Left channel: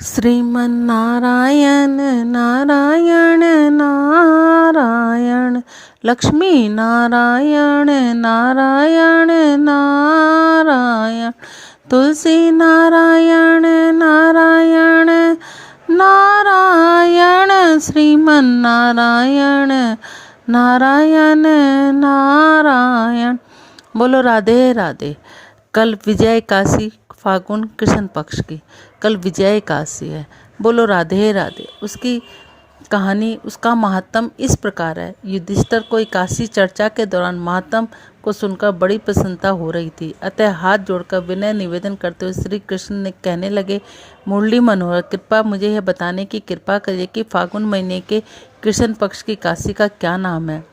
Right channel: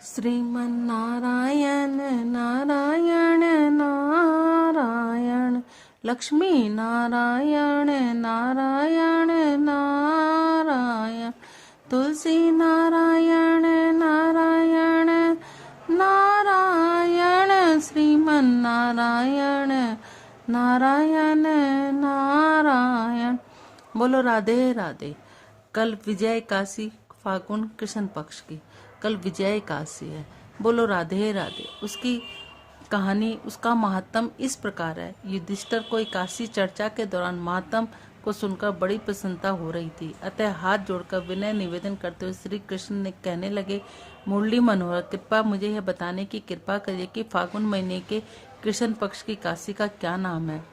श्रीमन्नारायण नारायण नारायण, लक्ष्मी नारायण नारायण नारायण, तुलसी नारायण नारायण नारायण, श्रीमन्नारायण नारायण नारायण। बोलो राधे राधे। कल विजय काशी, फागुन कृष्ण पक्ष की कल विजय काशी है। बोलो राधे राधे। उसकी कहानी, उसका महात्म इस प्रकार है। युधिष्ठिर को काशी चर्चा के दौरान महात्म को सुनकर बड़ी प्रसन्नता हो रही थी, अतः हाथ जोड़कर विनय निवेदन करते हुए श्री कृष्ण ने कहने लगे, मुरली मनोहर, कृपा मुझे यह बताने की कृपा करिए कि फागुन महीने के कृष्ण पक्ष की काशी का क्या नाम है,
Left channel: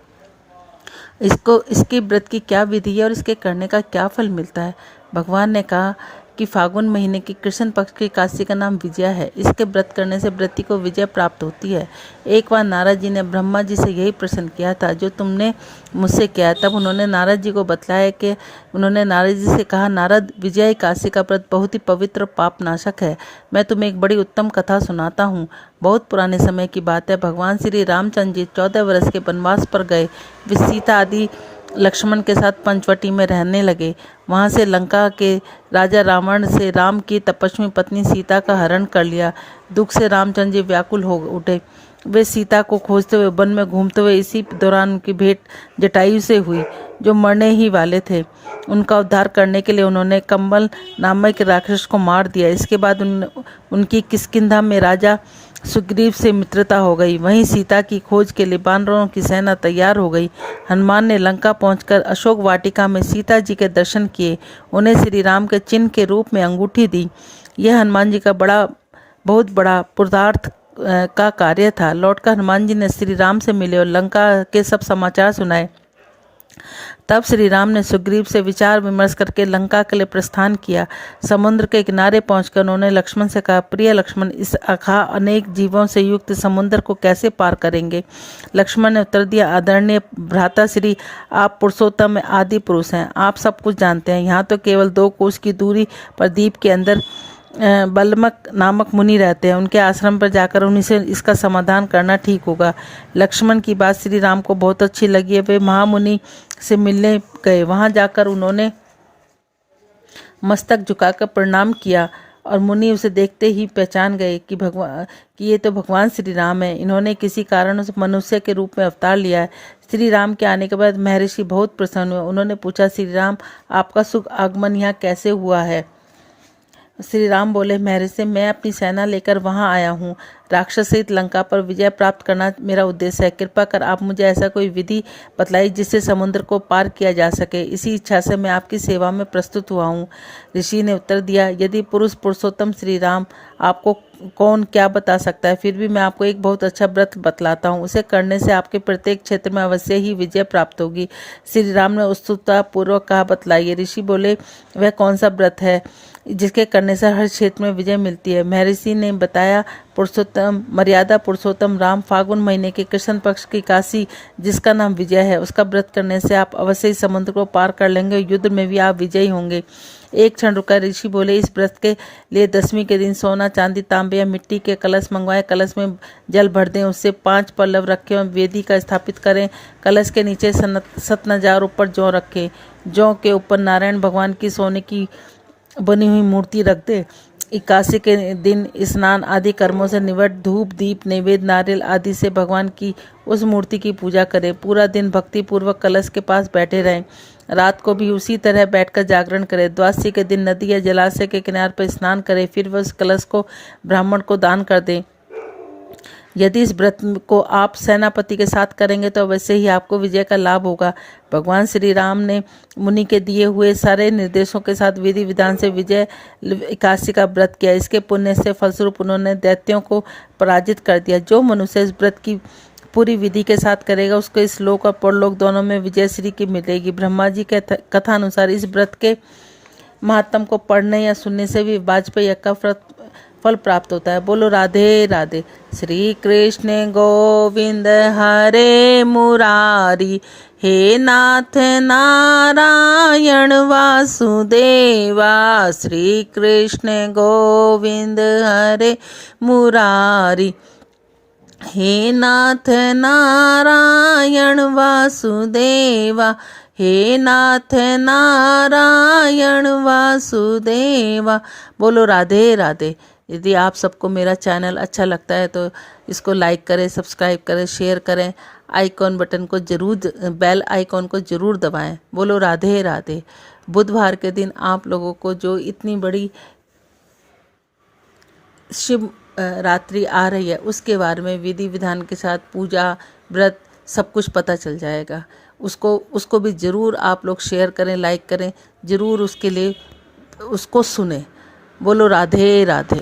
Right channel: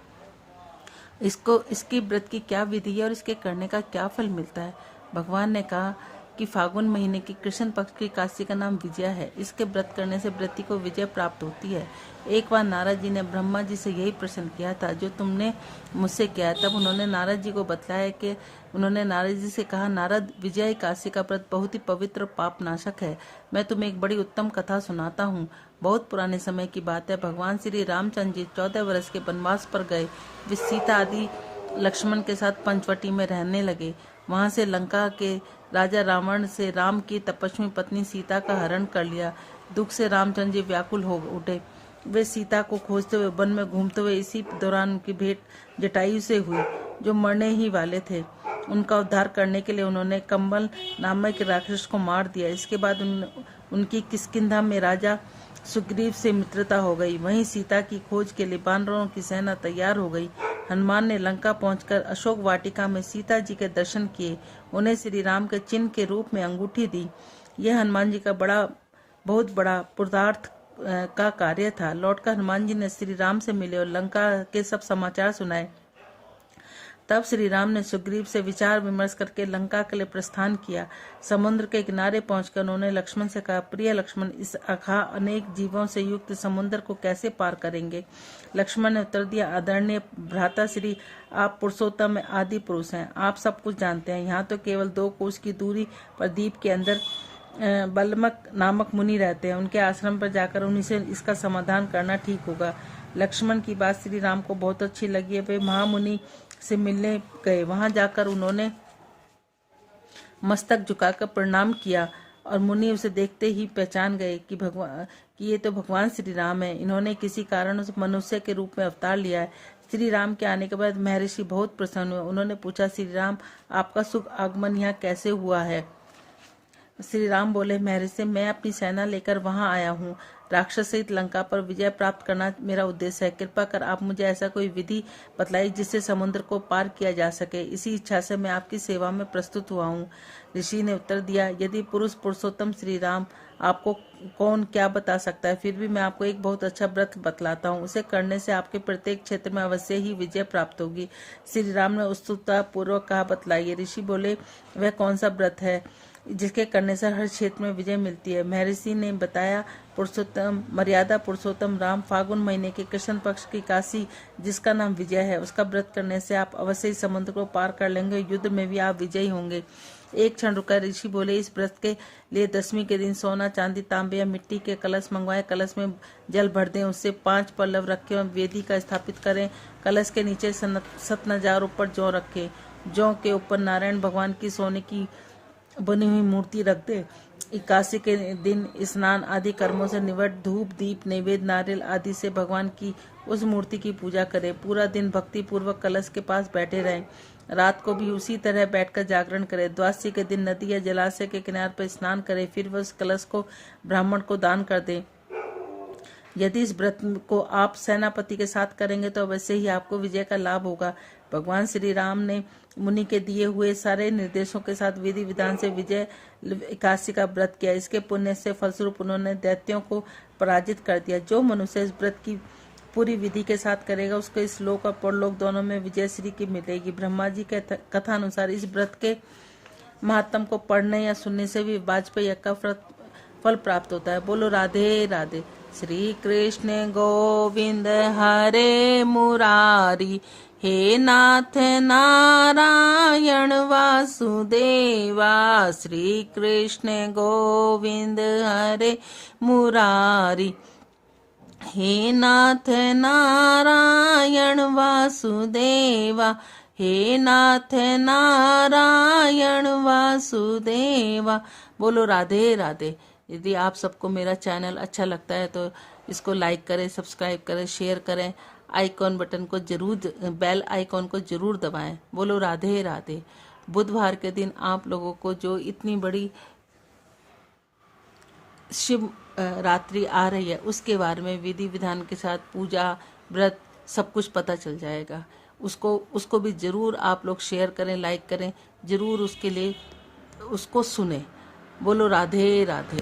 इसके व्रत की क्या विधि है और इसके करने का क्या फल मिलता है। भगवान ने कहा कि फागुन महीने की कृष्ण पक्ष की काशी का नाम विजया है। इसके व्रत करने से व्रती को विजय प्राप्त होती है। एक बार नारद जी ने ब्रह्मा जी से यही प्रश्न किया था जो तुमने मुझसे किया। तब उन्होंने नारद जी को बतलाया कि उन्होंने नारद जी से कहा, नारद, विजय काशी का व्रत बहुत ही पवित्र और पाप नाशक है। मैं तुम्हें एक बड़ी उत्तम कथा सुनाता हूँ। बहुत पुराने समय की बात है। भगवान श्री रामचंद्र जी 14 वर्ष के वनवास पर गए। वे सीता आदि लक्ष्मण के साथ पंचवटी में रहने लगे। वहां से लंका के राजा रावण से राम की तपस्वी पत्नी सीता का हरण कर लिया। दुख से रामचंद्र जी व्याकुल हो उठे। वे सीता को खोजते हुए वन में घूमते हुए इसी दौरान उनकी भेंट जटायु से हुई, जो मरने ही वाले थे। उनका उद्धार करने के लिए उन्होंने कंबल नामक राक्षस को मार दिया। इसके बाद उनकी किष्किंधा में राजा सुग्रीव से मित्रता हो गई। वहीं सीता की खोज के लिए वानरों की सेना तैयार हो गई। हनुमान ने लंका पहुंचकर अशोक वाटिका में सीता जी के दर्शन किए। उन्हें श्री राम के चिन्ह के रूप में अंगूठी दी। यह हनुमान जी का बहुत बड़ा पुरुषार्थ का कार्य था। लौटकर हनुमान जी ने श्री राम से मिले और लंका के सब समाचार सुनाए। तब श्री राम ने सुग्रीव से विचार विमर्श करके लंका के लिए प्रस्थान किया। समुद्र के किनारे पहुंचकर उन्होंने लक्ष्मण से कहा, प्रिय लक्ष्मण, इस अथाह अनेक जीवों से युक्त समुद्र को कैसे पार करेंगे। लक्ष्मण ने उत्तर दिया, आदरणीय भ्राता श्री, आप पुरुषोत्तम आदि पुरुष हैं, आप सब कुछ जानते हैं। यहाँ तो केवल 2 कोस की दूरी पर द्वीप के अंदर बलमक नामक मुनि रहते हैं। उनके आश्रम पर जाकर उन्हीं से इसका समाधान करना ठीक होगा। लक्ष्मण की बात श्री राम को बहुत अच्छी लगी है। वे महामुनि से मिलने गए। वहां जाकर उन्होंने मस्तक झुकाकर प्रणाम किया और मुनि उसे देखते ही पहचान गए कि ये तो भगवान श्री राम है। इन्होंने किसी कारण उस मनुष्य के रूप में अवतार लिया है। श्री राम के आने के बाद महर्षि बहुत प्रसन्न हुए। उन्होंने पूछा, श्री राम, आपका शुभ आगमन यहाँ कैसे हुआ है। श्री राम बोले, महर्षि, मैं अपनी सेना लेकर वहां आया हूँ। राक्षस सहित लंका पर विजय प्राप्त करना मेरा उद्देश्य है। कृपा कर आप मुझे ऐसा कोई विधि बतलाई जिससे समुद्र को पार किया जा सके। इसी इच्छा से मैं आपकी सेवा में प्रस्तुत हुआ हूँ। ऋषि ने उत्तर दिया, यदि पुरुषोत्तम श्री राम, आपको कौन क्या बता सकता है, फिर भी मैं आपको एक बहुत अच्छा व्रत बतलाता हूँ। उसे करने से आपके प्रत्येक क्षेत्र में अवश्य ही विजय प्राप्त होगी। श्री राम ने उत्सुकता पूर्वक कहा, बतलाइए। ऋषि बोले, वह कौन सा व्रत है जिसके करने से हर क्षेत्र में विजय मिलती है। महर्षि ने बताया, मर्यादा पुरुषोत्तम राम फागुन महीने के कृष्ण पक्ष की काशी, जिसका नाम विजय है, उसका व्रत करने से आप अवश्य ही समुद्र को पार कर लेंगे। युद्ध में भी आप विजयी होंगे। एक क्षण रुका। ऋषि बोले, इस व्रत के लिए 10वीं के दिन सोना, चांदी, तांबे या मिट्टी के कलश मंगवाए। कलश में जल भर दें, उससे 5 पल्लव रखें और वेदी का स्थापित करें। कलश के नीचे सतनजार ऊपर जौ रखें। जौ के ऊपर नारायण भगवान की सोने की बनी हुई मूर्ति रख दे। एकादशी के दिन स्नान आदि कर्मों से निवृत्त धूप, दीप, नैवेद्य, नारियल आदि से भगवान की उस मूर्ति की पूजा करें। पूरा दिन भक्ति पूर्वक कलश के पास बैठे रहें। रात को भी उसी तरह बैठकर जागरण करें। द्वादशी के दिन नदी या जलाशय के किनारे पर स्नान करें। फिर वह उस कलश को ब्राह्मण को दान कर दें। यदि इस व्रत को आप सेनापति के साथ करेंगे तो वैसे ही आपको विजय का लाभ होगा। भगवान श्री राम ने मुनि के दिए हुए सारे निर्देशों के साथ विधि विधान से विजय एकादशी का व्रत किया। इसके पुण्य से फलस्वरूप उन्होंने दैत्यों को पराजित कर दिया। जो मनुष्य इस व्रत की पूरी विधि के साथ करेगा, उसको इस लोक और परलोक दोनों में विजय श्री की मिलेगी। ब्रह्मा जी के कथा अनुसार इस व्रत के महात्म को पढ़ने या सुनने से भी वाजपेयी का फल प्राप्त होता है। बोलो राधे राधे। श्री कृष्ण गोविंद हरे मुरारी, हे नाथ नारायण वासुदेवा। श्री कृष्ण गोविंद हरे मुरारी, हे नाथ नारायण वासुदेवा, हे नाथ नारायण वासुदेवा। बोलो राधे राधे। यदि आप सबको मेरा चैनल अच्छा लगता है तो इसको लाइक करें, सब्सक्राइब करें, शेयर करें, आइकॉन बटन को जरूर, बेल आइकॉन को जरूर दबाएं। बोलो राधे राधे। बुधवार के दिन आप लोगों को जो इतनी बड़ी शिव रात्रि आ रही है उसके बारे में विधि विधान के साथ पूजा व्रत सब कुछ पता चल जाएगा। उसको भी ज़रूर आप लोग शेयर करें, लाइक करें, ज़रूर उसके लिए उसको सुने। बोलो राधे राधे।